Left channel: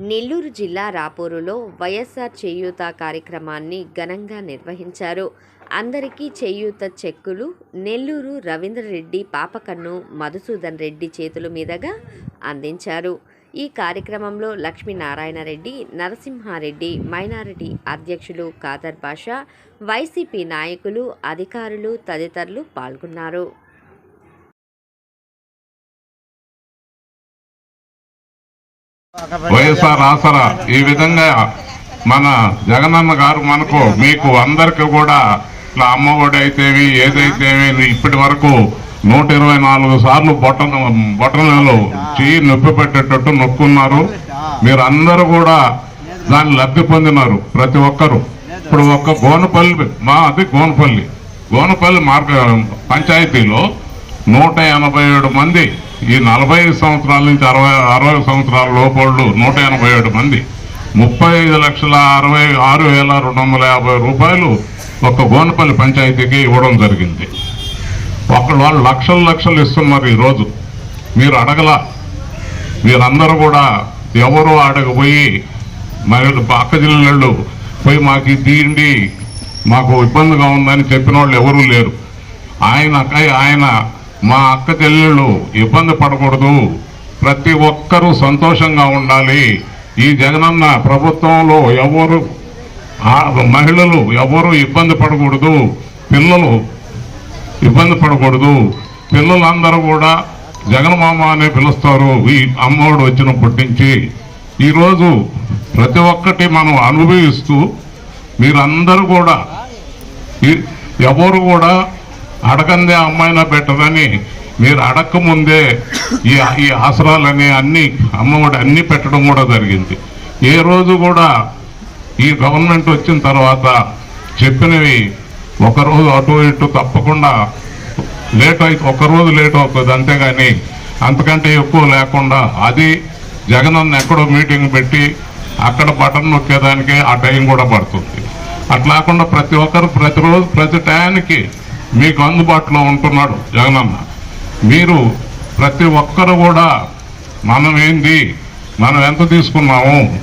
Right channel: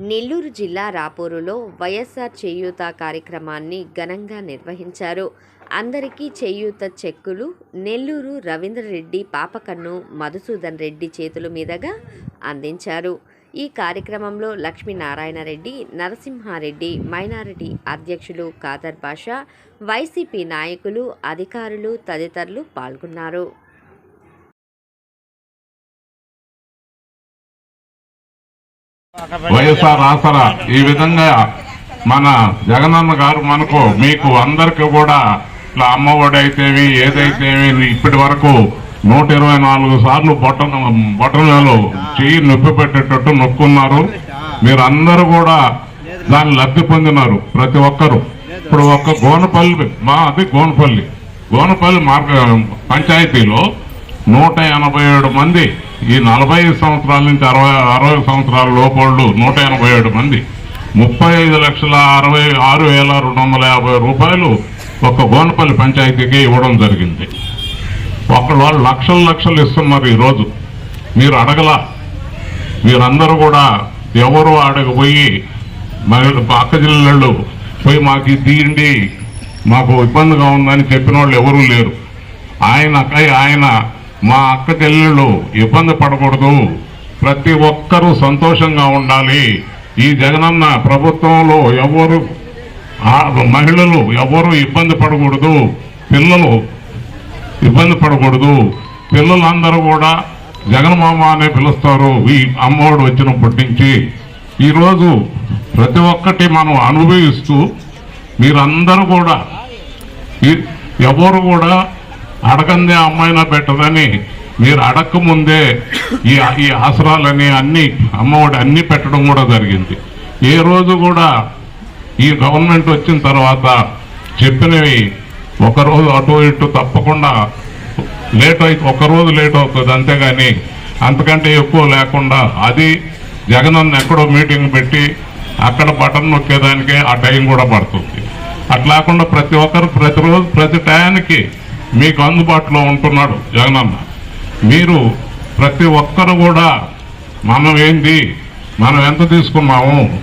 నెల్లూరు జిల్లా రాపూరులో వైఎస్ఆర్ చేయూత కార్యక్రమాన్ని ఘనంగా నిర్వహించారు. అందరికీ చేయూత చెక్కులు నెల్లూరు రవీంద్రరెడ్డి పాపకన్ను మధుసూదన్ రెడ్డి చేతుల మీదుగా అందించారు. ఈ కార్యక్రమంలో లక్ష్మీనారాయణ రెడ్డి నరసింహారెడ్డి మైనారిటీ అధ్యక్షులు ఖాదర్ బాషా వైసీపీ నాయకులు అధికారులు తదితరులు పాల్గొన్నారు. వైఎస్ఆర్ ఆసరా ఈ విధంగా మన జగనన్న గారు మనకు మీకు అందరికీ కూడా ఇట్లా అమ్మఒడి అయితేవి ఏదైతేవి ఇప్పటి వరకు నూట ఇరవై నాలుగు సార్లు బొట్టన బొట్టనలు చేయి నొప్పి పెట్టేటట్టు నొక్కున్నారు. మీరు అందరూ కూడా దాన్ని లబ్ధి పొందినారు ప్రతి ఒక్కరు. ఇప్పుడు ఒక్క గోనపల్లి మా అది గోనపల్లి. గోనపల్లి మార్గ పంచాయతీలో నూట ఎనభై ఏడు మంది ఈ నలభై ఐదు సంవత్సరాల నుంచి అరవై అరవై సంవత్సరాల లోపళ్ళు నూట ఎనభై ఏడు మంది. ముప్పై ఐదు లక్షల అరవై ఆరు వేల రెండు వందల యాభై రూపాయలు ఒక గోనపల్లి పంచాయతీకి ఇవ్వడం జరిగింది. ఒకళ్ళు వాళ్ళు లక్షలు లక్షలు ఇస్తున్నారు ఈరోజు. మీరు అడగల. మీరందరూ కూడా ఎవరు అడగపోయి మహిళ పక్క జిల్లలు పోయి మాకు ఇది మాకు ఇబ్బందిగా ఉందని చెప్పిన వాళ్ళు ఎవరూ లేరు. ఆయన ఆయన మా అక్క చెల్లెళ్ళు ఇబ్బంది పడకూడదు. ప్రతి ఒక్కరూ సంతోషంగా ఉండాలి. ఈ జగనన్న ప్రభుత్వంలో ఎవరు ఆ- మహిళలు ఎవరు ఇబ్బంది పడకూడదు. పిల్లలు ఇబ్బంది పడకూడదు. పిల్లలందరూ కూడా జగన్మామ అనే పిలుస్తారు. ఈ అమ్మఒడు వచ్చినప్పటి నుంచి. ఈరోజు ప్రతి ఒక్కటి మనం అనుభవిస్తూ మీరందరూ కూడా ఎవరు కూడా అడగందే అమ్మాయినా పెట్టదని మీరు అడక్క ముందే ఈ ఈ ఆసరాలని అన్ని అమ్మఒడి అన్నీ పెట్టడం కూడా జరిగింది. ఏ రోజు కూడా ఈ గవర్నమెంట్ వచ్చిన తర్వాత చెప్పినవి ఒకరోజు అటు ఇటు తప్పకుండా లేట్ అయి ఒక రోజు లేట్ అవుతుంది. అంతేగాని అంతకంటే ఎక్కువ లేకుండా అది జగనన్న ఎక్కడో మీటింగ్ పెట్టి అక్కడ బటన్ నొక్కేదానికి ఆ టైం కూడా పడుతుంది. అట్లా కాకుండా ప్రతి ఒక్కరు ప్రతిరోజు ప్రతి టయానికి మీకు అందుబాటులో ఉంటున్నాడు జగనన్న. మీరు ప్రతి ఒక్కరు కూడా మనం ఏంది? మనం ఎంత తీసుకున్నాము?